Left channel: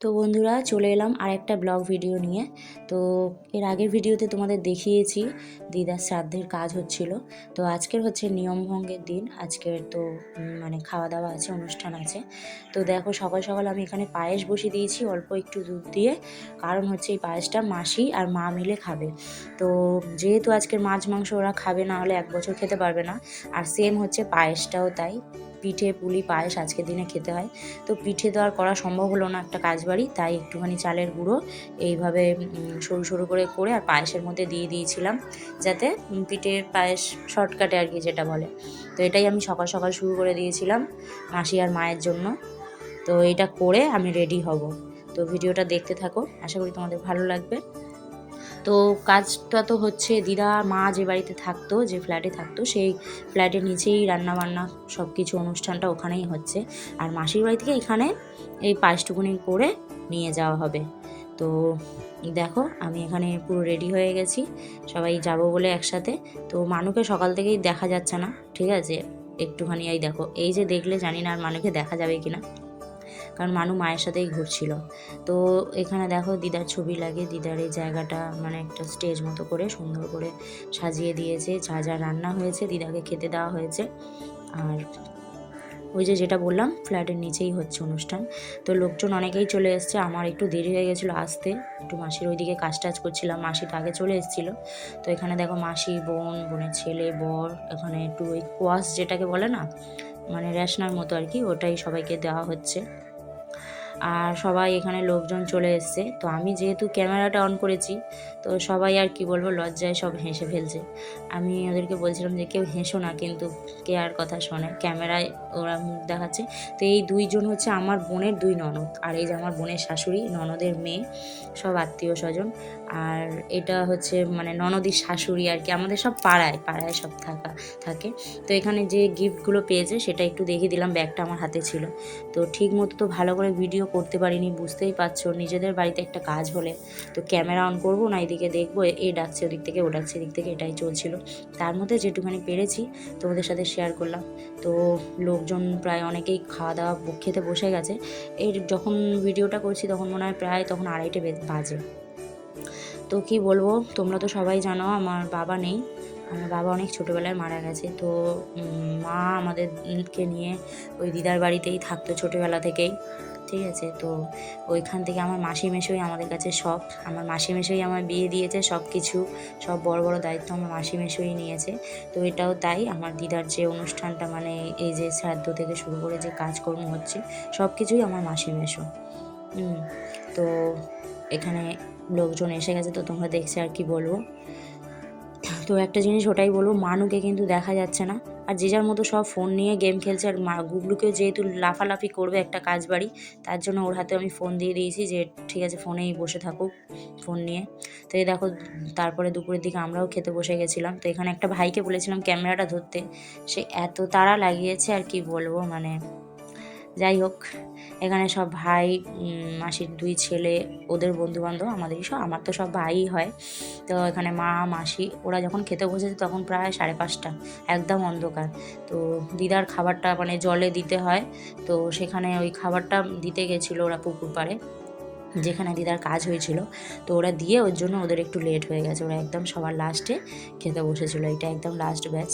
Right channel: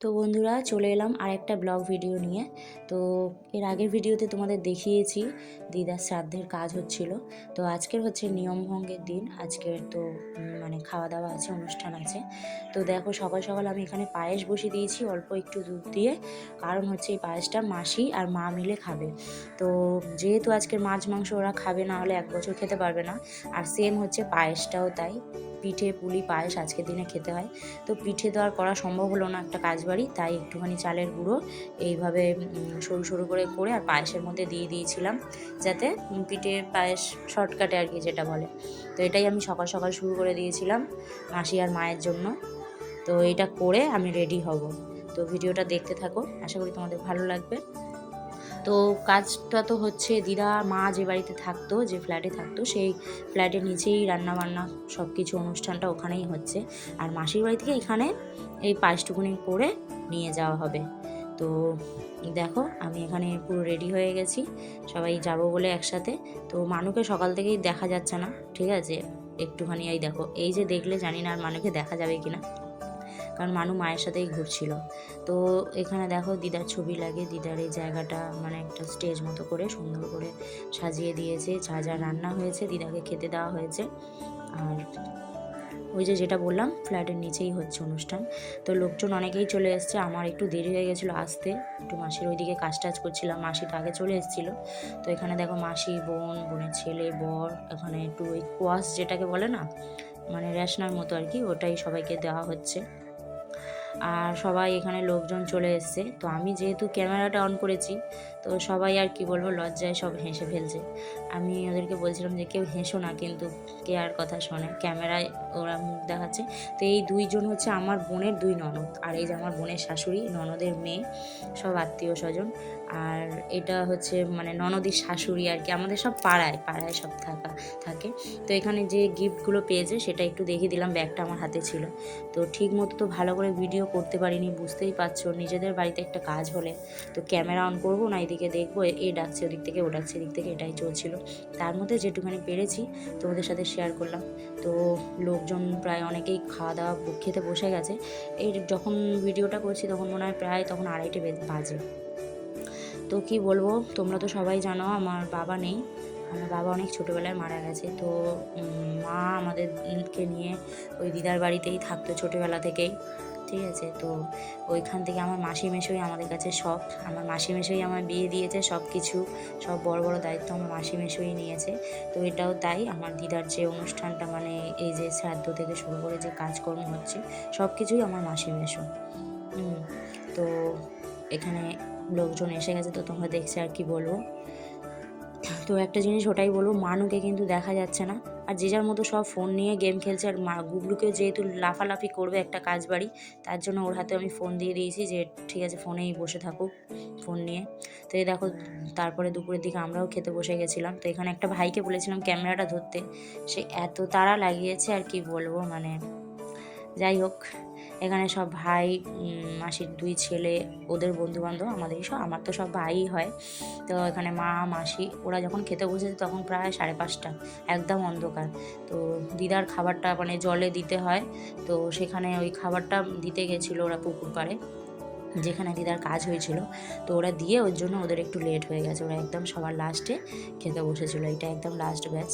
তো বন্ধুরা চলে এলাম আরেকটা ব্লগ ভিডিও নিয়ে। তো এর আগের ভিডিওতে তোমাদের দেখিয়েছি দিদার শ্রাদ্ধের কাজ হচ্ছিল। তো আজকের হচ্ছে নিয়মভঙ্গের দিন। আজকের তো মানে খাওয়া দাওয়া আছে, অনুষ্ঠান আছে। তো দেখো সকাল সকাল আমি এখানে পায়েস বসিয়ে দিয়েছি, অল্প একটু দুধ দিয়ে। কারণ হচ্ছে এই পায়েসটা মাসি আর মা মিলে খাবে। তো যেহেতু আজকের মাছ মাংস ওরা খাবে, না হলে এক বছর খেতে পারবে না। আর সেম হচ্ছে পায়েসটাও তাই। পিঠে, পুলি, পায়েস আজকের দিনে খেতে হয়। তো পিঠে তো আর করা সম্ভব হলো না একটা কাজ বাড়ি তাই একটুখানি চালের গুঁড়ো এইভাবে সরু সরু করে করে আর পায়েসের মধ্যে দিয়ে দিয়েছিলাম, যাতে পিঠের পায়েস শর্টকাটে আর কি যেটা বলে। তো এটাই আমি সকাল সকাল শুরু করে দিয়েছিলাম মাসি আর মায়ের জন্য। তো এটা করে আমি রেডি হব। তো ভিডিওটা দেখতে থাকো, আশা করি তোমাদের ভালো লাগবে। তো কাজটা তো হচ্ছে দিদা, মা যে বাড়িতে থাকতো, যে ফ্ল্যাটে থাকতো, সেই ফ্ল্যাটের নিচেই রান্না বান্না সব কিছু অনুষ্ঠানটা ওখানেই হচ্ছে। আর মাসির বাড়ি থেকে এখানে এই পায়েসটুকুনি করে নিয়ে যাওয়া হবে। তো দেখো, আমি এখানে পুরো রেডি হয়ে গেছি। সবাই যাব বলে একসাথে। তো মানুকে সকাল থেকেই দেখা যাচ্ছে না, ঠিক আছে? একটুখানি এই দেখো, এই যে দেখলে জানি না আর মানুকে দেখা যাবে কিনা। কারণ মানু মায়ের সাথেই ঘুরছিল। তো এখানে দেখো দিদার ছবি লাগে, দিদার এই জায়গাটা মানে একটা স্টেজ মতো করে সুন্দর করে সাজিয়ে দিয়েছে, যা যা রান্না হয়েছে দিদাকে খেতে দেওয়া হয়েছে। আর ওই যে যেটা বললাম, ফ্ল্যাটের নিচেই হচ্ছে অনুষ্ঠান। তো লোকজন অনেকেই চলে এসছে, আমার একটু দেরি হয়ে গেছিল আসতে। একটু মাসির ওইদিকে কাজ টাজ করছিলাম, মাসি আগে চলে এসেছিল। তো এখানে দেখো মাসি, বোন, বোনের ছেলে, বর, এখানে একটু ওই কোয়াশ যেটাকে বলে না মানে রেশনার মতো আর কি, ওটাই সবাইকে দেওয়া হচ্ছে। আর সবাই এখানে লোকজন চলে এসছে। তো আমি যেহেতু ক্যামেরাটা অন করেছি, তো সবাই আর কি বলব, লজ্জায় সব হেসে ফেলছে। আমি ওদেরকে বলছিলাম যে কেউ হেসো না, কিন্তু কে আর কথা শোনে, ক্যামেরায় ওরা মুখ দেখাচ্ছে। তো এই দুইজন হচ্ছে আমার বোনের দুই ননদ, আর এই যে আমার বোনের শাশুড়ি, ননদের মেয়ে, সব আত্মীয় স্বজন। আর এটা হচ্ছে মানে ননদির শাশুড়ি আর কি, আমাদের সব পাড়ায় পাড়ায় সব থাকা, থাকে। তো এখানে যে গিফটগুলো পেয়েছে সেটা একটু দেখিয়ে দিলাম, ব্যাগটা আমার হাতে ছিল। তো ঠিক মতো তো ভালো করে ভিডিও করতে পারিনি, বুঝতেই পারছ। নিজেদের বাড়িতে একটা কাজ হলে তো ক্যামেরা অন করব, না এদিকে দেখব, এ- ডাকছে ওদিক থেকে, ও ডাকছে এদিক থেকে, এটাই চলছিল। তার মধ্যে যেটুখানি পেরেছি, তোমাদের সাথে শেয়ার করলাম। তো লোকজন প্রায় অনেকেই খাওয়া দাওয়া খেতে বসে গেছে। এই যখন ভিডিওটা করছি, তখন মনে হয় প্রায় তখন আড়াইটে বাজে। তো কি বলব? তোমরা তো সবাই জানো, আমার বাবা নেই। আমার বাবা অনেক ছোটোবেলায় মারা গেছে। তো মা আমাদেরকে নিয়ে ওই দিদার বাড়িতেই থাকতো ছোটোবেলা থেকেই। ঠিক আছে? তো ওইখান থেকে আমার মাসি মেশোই আমাদের কাছে সব। আমার মাসি মেশোই আমার বিয়ে দিয়েছে সব কিছু সব বড় বড় দায়িত্ব আমার মাসি মেশোই নিয়েছে। তো এটাও তাই, আমার দিদার যে অনুষ্ঠানটা মানে এই যে শ্রাদ্ধ থেকে শুরু করে যে কাজকর্ম হচ্ছে সব কিছুই আমার মাসি মেশো তো এখানে লোকজন এসে গেছে, তো তোমরা দেখছে আর কি বলব। তো একটা জিনিস ওটাই বলব, মানুকে কিন্তু দেখা যাচ্ছে না। আর যে যার মতো সব ফোন নিয়ে গেম খেলছে, আর মা গুগলুকেও যেহেতু লাফালাফি করবে একটা কাজ বাড়ি, তার জন্য ওর হাতে আমি ফোন দিয়ে দিয়েছি যে, ঠিক আছে ফোনেই বসে থাকুক ফোন নিয়ে। তো এই দেখো, তারপরে দুপুরের দিকে আমরাও খেতে বসে গেছিলাম। তো এখানে একটা ভাইকে বলেছিলাম ক্যামেরাটা ধরতে, সে এত তাড়া লাগিয়েছে আর কি বলব মানে যাই হোক, এখানে সব ভাই মাসির দুই ছেলে, ওদের বন্ধু বান্ধব আমাদেরই সব, আমার তো সব ভাই হয়। তো এখানে মা, মাসি, ওরা যখন খেতে বসেছে তখন প্রায় সাড়ে পাঁচটা, একদম অন্ধকার। তো দিদার খাবারটা মানে জলে দিতে হয়, তো সেখানে ওই খাবারটা দিতে গেছিল ওরা পুকুর পাড়ে যেখানে দিদার কাজ হয়েছিল। তো ওরা দিয়ে ওর জন্য ওদের একটু লেট হয়ে গেছে, ওরা একদম সবার লাস্টে খেতে বসেছিলো, এটা একদম লাস্ট ব্যাচ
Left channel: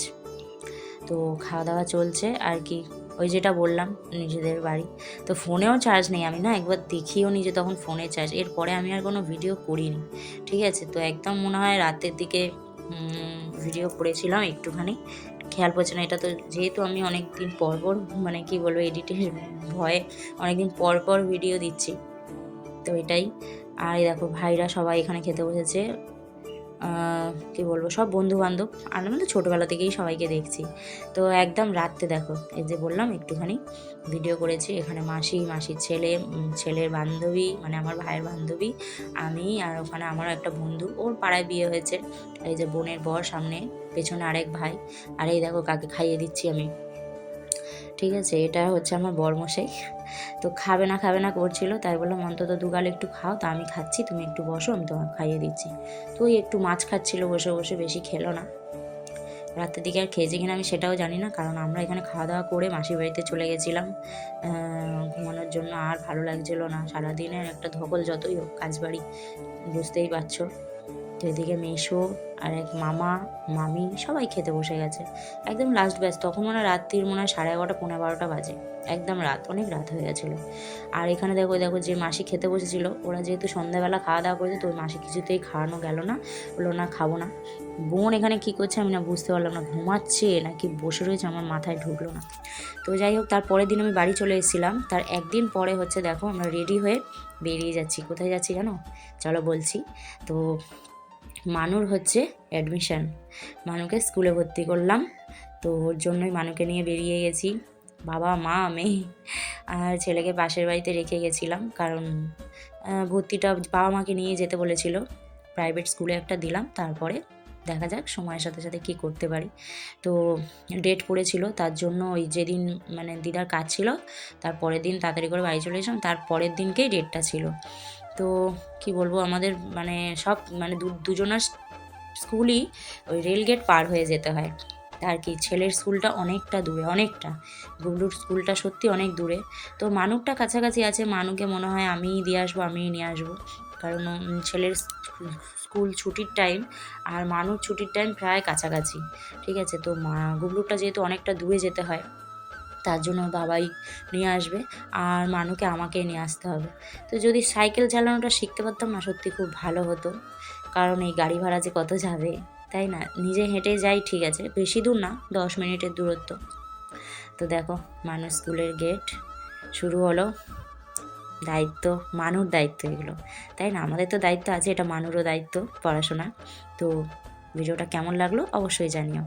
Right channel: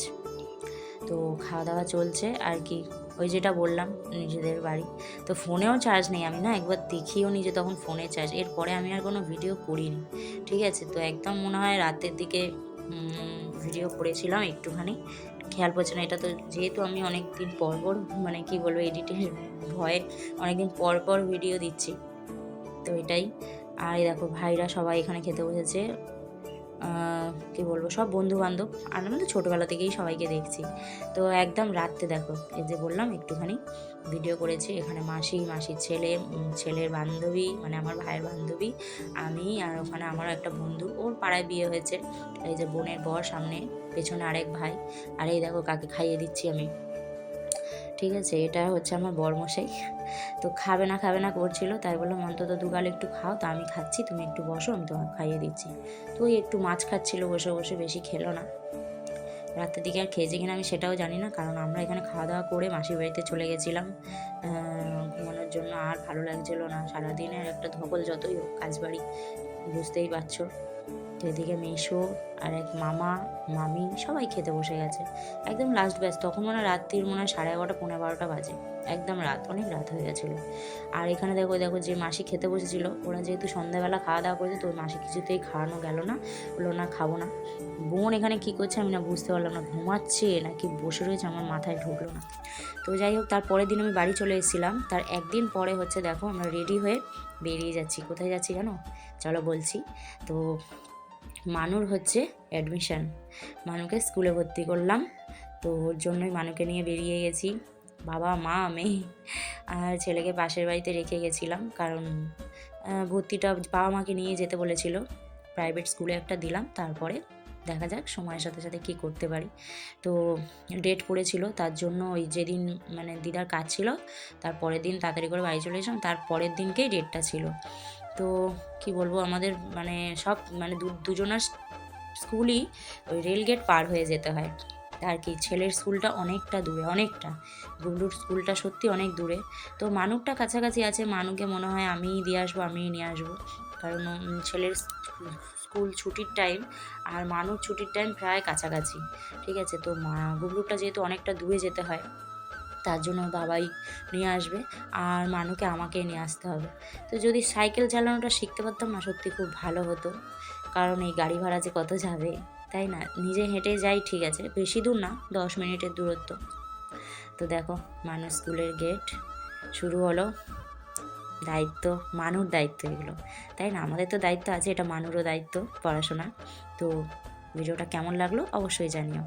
তো খাওয়া দাওয়া চলছে, আর কি ওই যেটা বললাম, নিজেদের বাড়ি। তো ফোনেও চার্জ নেই, আমি না একবার দেখিও নি যে তখন ফোনে চার্জ এরপরে আমি আর কোনো ভিডিও করিনি, ঠিক আছে? তো একদম মনে হয় রাতের দিকে ভিডিও করেছিলাম একটুখানি। খেয়াল পড়ছে না, এটা তো যেহেতু আমি অনেক দিন পর পর মানে কি বলব এডিটের ভয়ে অনেক দিন পর পর ভিডিও দিচ্ছি। তো এটাই। আর দেখো, ভাইরা সবাই এখানে খেতে বসেছে। কি বলব, সব বন্ধু বান্ধব আমি তো ছোটোবেলা থেকেই সবাইকে দেখছি। তো একদম রাত্রে দেখো, এই যে বললাম একটুখানি ভিডিও করেছি, এখানে মাসি, মাসির ছেলে ছেলের বান্ধবী মানে আমার ভাইয়ের বান্ধবী, আমি আর ওখানে আমার একটা বন্ধু, ওর পাড়ায় বিয়ে হয়েছে। এই যে বোনের বর সামনে, পেছনে আরেক ভাই, আর এই দেখো কাকে খাইয়ে দিচ্ছি আমি। ঠিক আছে, এটা হচ্ছে আমার বরমশাই। তো খাবে না খাবে না করছিল। তাই বললাম, অন্তত দুগাল একটু খাও, তা আমি খাচ্ছি, তুমি একটু বসো, আমি তোমাকে খাইয়ে দিচ্ছি। তো ওই একটু মাছ খাচ্ছিল বসে বসে বেশি খেলো না। রাতের দিকে আর খেয়েছে কিনা আমি সেটাও জানি না, কারণ আমরা এখানে খাওয়া দাওয়া করে মাসির বাড়িতে চলে গেছিলাম। ঘুমানোর জন্য আর ভালো লাগছিল না। সারাদিনের একটা ধকল যতই হোক, কাজ বাড়ি, বুঝতেই পারছ। তো এদিকে মেশো আর এক মামা, মামি সবাই খেতে বসে গেছে। একদম লাস্ট ব্যাচ তখন মনে হয় রাত্রির মনে হয় সাড়ে এগারোটা পনেরো বারোটা বাজে। একদম রাত, অনেক রাত হয়ে গেছিল। আর এখানে দেখো দেখো যে মাসি খেতে বসেছিল, ওরা যেহেতু সন্ধ্যাবেলা খাওয়া দাওয়া করেছে, তো মাসি কিছুতেই খাওয়ানো গেল না, বলল, না, খাব না। বোন এখানে কি করছে আমি না বুঝতে পারলাম না, ঘুমাচ্ছে নাকি বসে রয়েছে আমার মাথায় ঢুকলো না। তো যাই হোক, তার পরের দিন আমি বাড়ি চলে এসেছিলাম। তার একদিন পরে হচ্ছে দেখো, আমরা রেডি হয়ে বেরিয়ে যাচ্ছি। কোথায় যাচ্ছি জানো? চলো বলছি। তো মানুর হচ্ছে অ্যাডমিশন মানুকে স্কুলে ভর্তি করলাম, তো ওর জন্যই মানুকে নিয়ে বেরিয়ে গেছি। বাবা, মা, মেয়ে আর ছেলেকে পাশের বাড়িতে রেখে গেছিলাম কারণ ভর্তিটা বাবা মাকে নিয়ে যেতে বলেছিল। প্রাইভেট স্কুলে একটা দিলাম, তারপরে দেখা যাক সময়ের সাথে সাথে কী করতে পারি। তো ডেট পড়েছিল, তার জন্য ওই যেদিন মানে দিদার কাজ ছিল, তার পরের দিন তাড়াতাড়ি করে বাড়ি চলে এসেছিলাম, তার পরের দিনকেই ডেটটা ছিল। তো কি বলব, আমাদের মানে সব মানে দুজনের স্কুলই ওই রেলগেট পার হয়ে যেতে হয়। আর কি, ছেলের স্কুলটা অনেকটা দূরে, অনেকটা। গুবলুর স্কুলটা সত্যি অনেক দূরে। তো মানুকটা কাছাকাছি আছে, মানুকে মনে হয় আমিই দিয়ে আসব, আমিই নিয়ে আসব। কারণ ছেলের স্কুল ছুটির টাইম আর মানুষ ছুটির টাইম প্রায় কাছাকাছি। ঠিক আছে, তো মা গুবলুরটা যেহেতু অনেকটা দূরে যেতে হয় তার জন্য বাবাই নিয়ে আসবে আর মানুকে আমাকেই নিয়ে আসতে হবে। তো যদি সাইকেল চালানোটা শিখতে পারতাম না, সত্যি খুব ভালো হতো। কারণ এই গাড়ি ভাড়া যে কত যাবে, তাই না? নিজে হেঁটে যাই ঠিক আছে, বেশি দূর না, দশ মিনিটের দূরত্ব। তো দেখো, মানুষ স্কুলের গেট শুরু হলো। দায়িত্ব, মানুর দায়িত্ব এগুলো। তাই না? আমাদের তো দায়িত্ব আছে, এটা মানুরও দায়িত্ব পড়াশোনা। তো ভিডিওটা কেমন লাগল অবশ্যই জানিও।